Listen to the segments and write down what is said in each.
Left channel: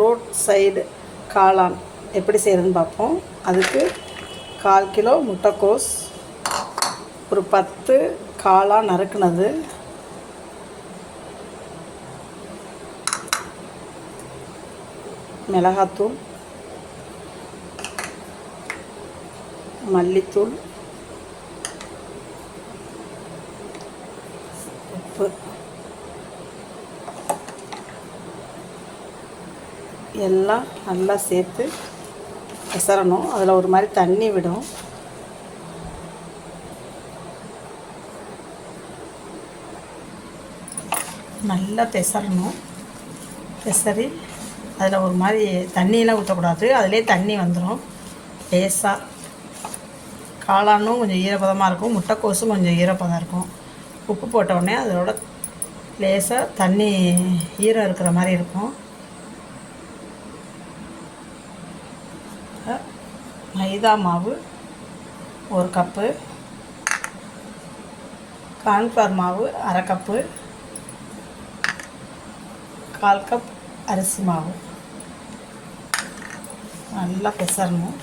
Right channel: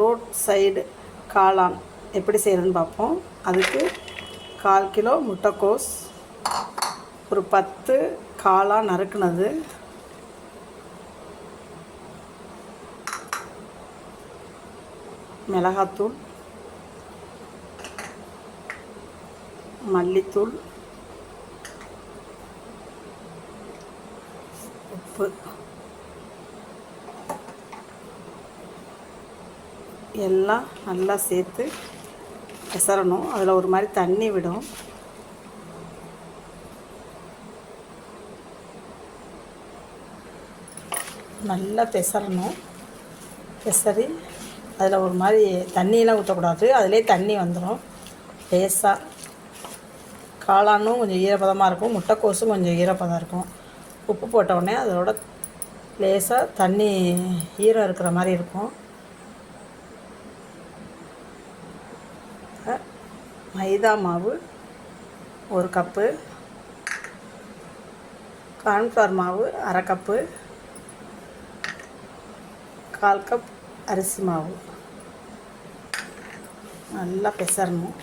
Road side காளான் எப்படி செய்கிறதுன்னு பார்ப்போம். அதுக்கு 1/4 கிலோ முட்டைக்கோஸ், ஒரு 10 காளான் நறுக்குனது, மிளகாத்தூள், மல்லித்தூள், உப்பு, எல்லாம் நல்லா சேர்த்து பெசரணும். அதில் ஒரு மாதிரி தண்ணி விடும். நல்லா பெசரணும். பெசரி அதில் ஒரு மாதிரி தண்ணியெலாம் ஊற்றக்கூடாது, அதிலே தண்ணி வந்துடும். லேசாக காளானும் கொஞ்சம் ஈரப்பதமாக இருக்கும், முட்டைக்கோஸும் கொஞ்சம் ஈரப்பதம் இருக்கும். உப்பு போட்டவுடனே அதோட லேசாக தண்ணி ஈரம் இருக்கிற மாதிரி இருக்கும். மைதா மாவு 1 கப்பு, கார்ன்ஃப்ளவர் மாவு 1/2 கப்பு, 1/4 கப் அரிசி மாவு. நல்லா பெசரணும்.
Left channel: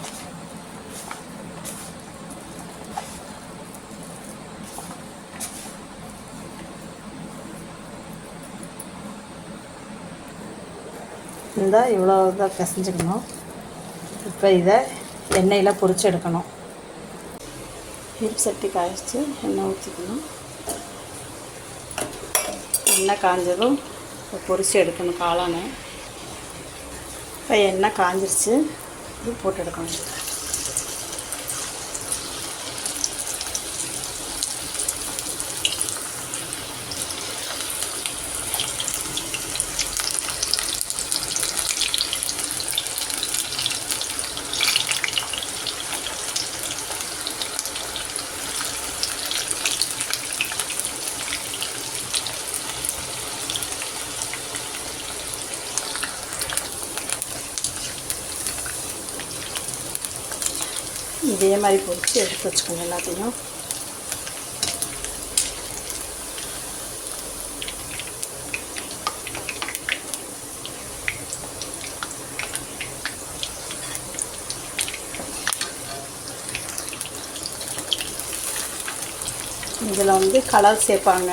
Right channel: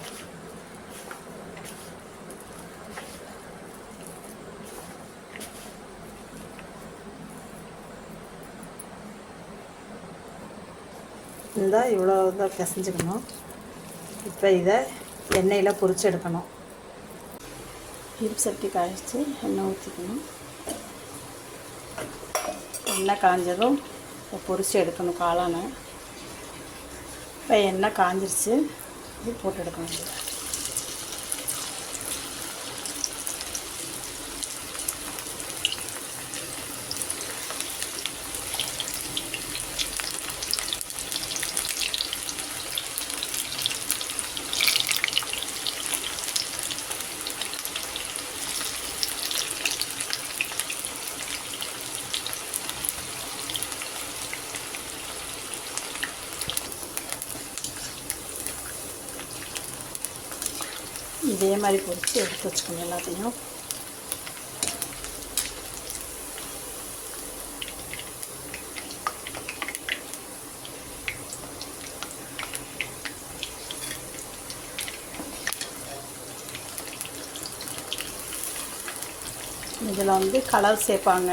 இந்த இவ்வளோ தான் பிசைஞ்சுக்கணும். இப்போ இதை எண்ணெயில் பொரிச்சு எடுக்கணும். இருப்பு சட்டி காய்ச்சி எண்ணெய் ஊற்றிக்கணும். எண்ணெய் காஞ்சதும் பொரிச்சு எடுக்கணும் காளானை. இப்போ எண்ணெய் காஞ்சிருச்சு, இது போட்டு எடுக்கணும். இதே மாதிரி பொரிச்சு எடுத்து வச்சுக்கோங்க எல்லாத்தையும். இதில் கலர் சேர்ப்பாங்க,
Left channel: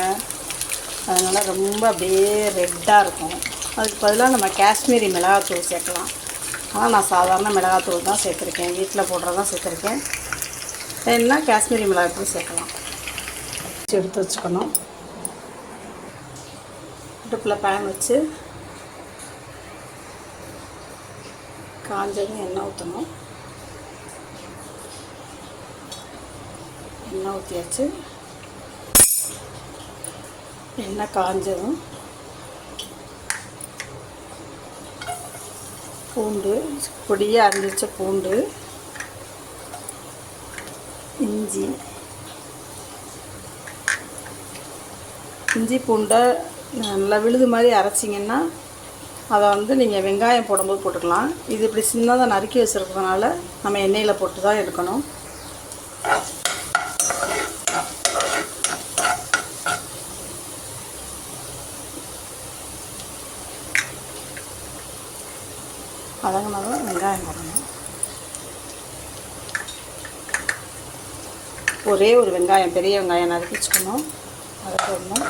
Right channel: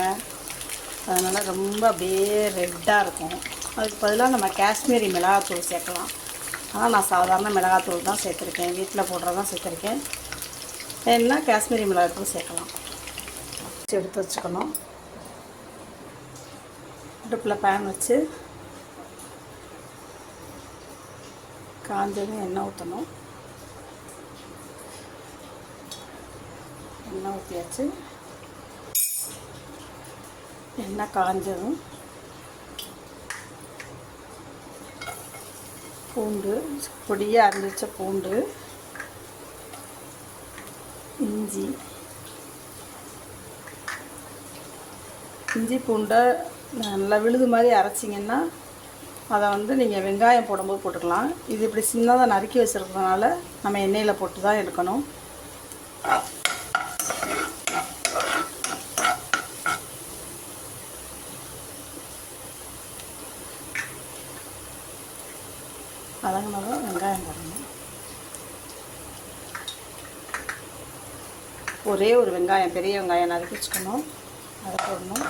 அதனால் ரொம்ப அப்படியே ரெட்டாக இருக்கும். அதுக்கு பதிலாக நம்ம காஷ்மீரி மிளகாத்தூள் சேர்க்கலாம். ஆனால் நான் சாதாரண மிளகாத்தூள் தான் சேர்த்துருக்கேன், வீட்டில் போடுறதான் சேர்த்துருக்கேன். என்ன காஷ்மீரி மிளகாத்தூள் சேர்க்கலாம். எடுத்து வச்சுக்கணும். அடுப்பில் பேன் வச்சு காஞ்சதும் எண்ணெய் ஊற்றணும். எண்ணெய் ஊற்றியாச்சு. எண்ணெய் காஞ்சதும் பூண்டு, பொடியாக அரைச்ச பூண்டு, இஞ்சி பூண்டை நல்லா விழுது மாதிரி அரைச்சிங்கன்னா அதை நீங்கள் வெங்காயம் போடும்போது போட்டுக்கலாம். இது இப்படி சின்னதாக நறுக்கி வச்சுருக்கிறதுனால நம்ம எண்ணெயில் போட்டு தான் எடுக்கணும். அதனால வெங்காயம் போடணும். ஒரே ஒரு வெங்காயம், பெரிய வெங்காயம் நறுக்கி வச்சுக்கணும், அதை போடணும்.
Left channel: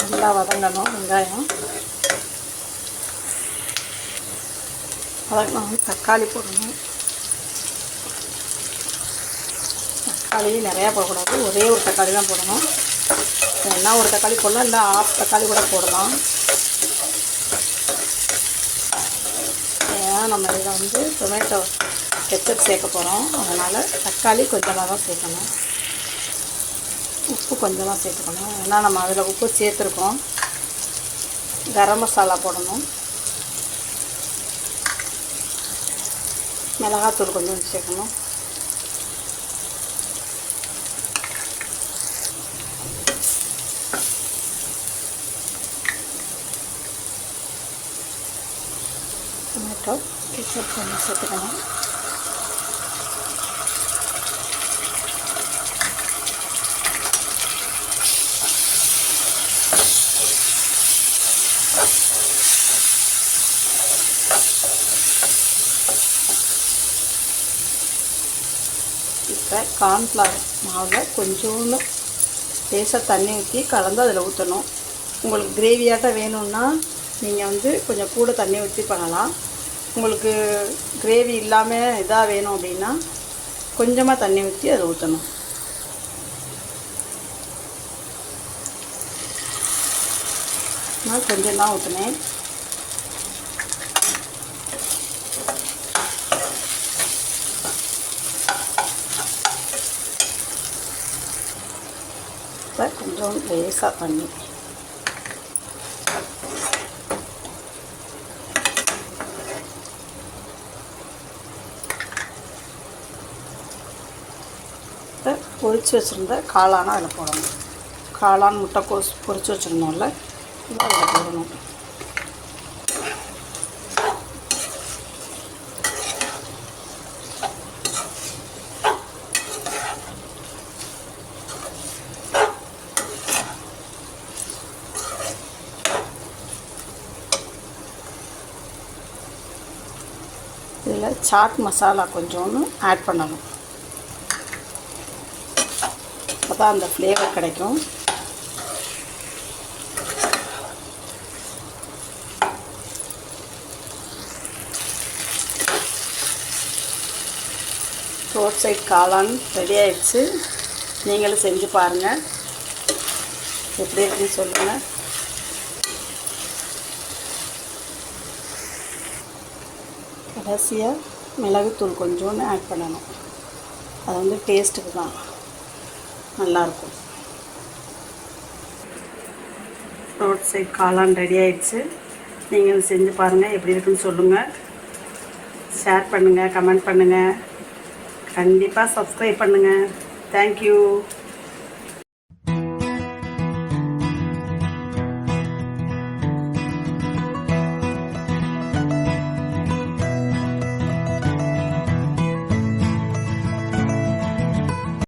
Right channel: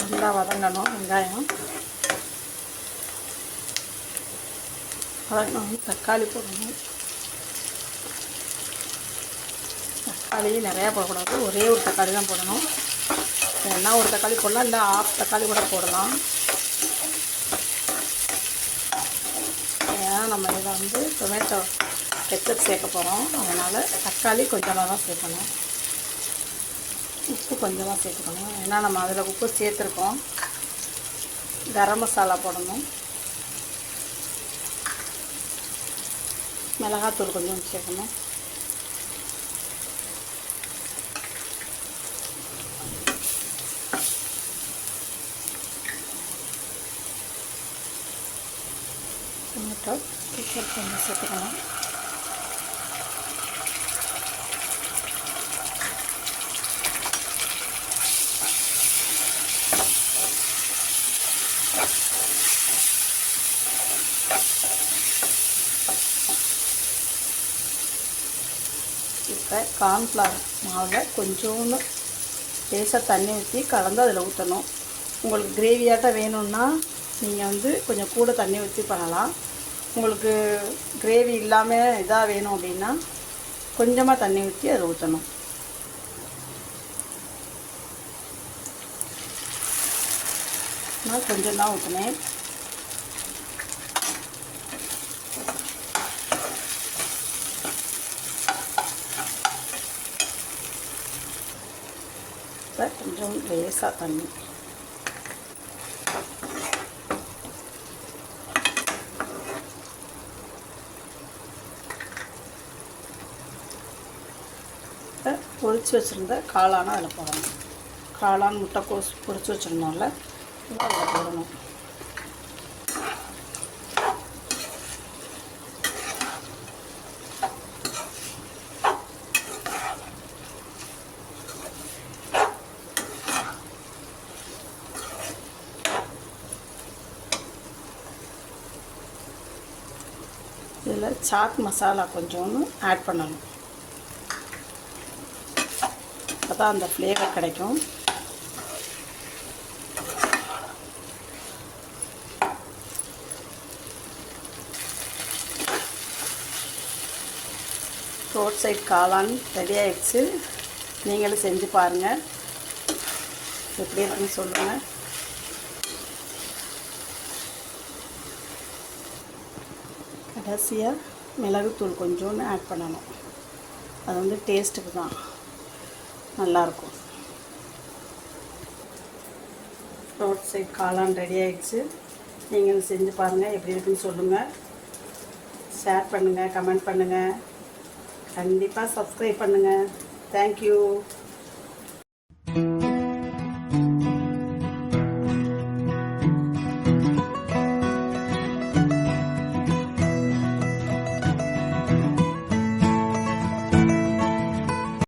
நல்லா வதங்கணும் வெங்காயம். அதுக்கு தக்காளி போடணும். தக்காளி நிறையா போடக்கூடாது, ஒரே ஒரு தக்காளி தான் போடணும். என்ன ஒரு தக்காளி போடலாம், இல்லை 1/2 தக்காளி கூட போடலாம். ஏன்னா நம்ம இதில் டொமேட்டோ கெச்சப் சேர்க்க போகிறோம், அதனால் தக்காளி கொஞ்சமாக தான் சேர்க்கணும். உப்பு கொஞ்சமாக சேர்த்துக்கணும், ஏன்னா நம்ம அதில் உப்பு சேர்த்துருக்கோம். கரம் மசாலா போடணும். மிளகாத்தூள் கொஞ்சம் சேர்க்கணும். டொமேட்டோ கெச்சப் கொஞ்சம் சேர்த்துக்கலாம். கார்ன்ஃப்ளவர் மாவில் கொஞ்சோண்டு லேசாக தண்ணி ஊற்றி கலந்து அதில் ஊற்றணும். உங்களுக்கு கிரேவியாட்டம் வேணும்னா நீங்கள் வந்து கொஞ்சம் கூட தண்ணி ஊற்றி பண்ணலாம். உங்களுக்கு கிரேவி இல்லாமல் இதாக வேணும் அப்படின்னா கொஞ்சமாக தண்ணி ஊற்றி அதை ஊற்றணும். நான் கொஞ்சம் தான் ஊற்றினேன். கொஞ்சம் லேசாக தண்ணி பொரிச்சு வச்சுருந்த காளானை அதில் போடணும். காளான் முட்டைக்கோஸ் பொரிச்சு வச்சுருந்தோம்ல, இதை அதில் போடணும். இதில் சாட் மசாலா கொஞ்சோன்னு ஆட் பண்ணணும். அப்போ தான் அந்த ஃப்ளேவர் கிடைக்கும். ரோட் சைட் காளான் ரெடி ஆகிடுச்சு. நீங்களும் செஞ்சு பாருங்கள், எப்படி இருக்குன்னு சொல்லுங்கள். கடைசியாக மிளகுத்தூள் கொஞ்சோன்னு ஆட் பண்ணணும். அது வந்து டேஸ்ட்டுக்கு தான் நல்லாயிருக்கும். ரோட் சைட் காளான் ரெடி ஆகிடுச்சு. நீங்கள் செஞ்சு பாருங்கள், எப்படி இருக்குன்னு சொல்லுங்கள். ஷேர் பண்ணுங்கள், கமெண்ட் பண்ணுங்கள், கண்டிப்பாக சப்ஸ்கிரைப் பண்ணுங்கள். தேங்க்யூ.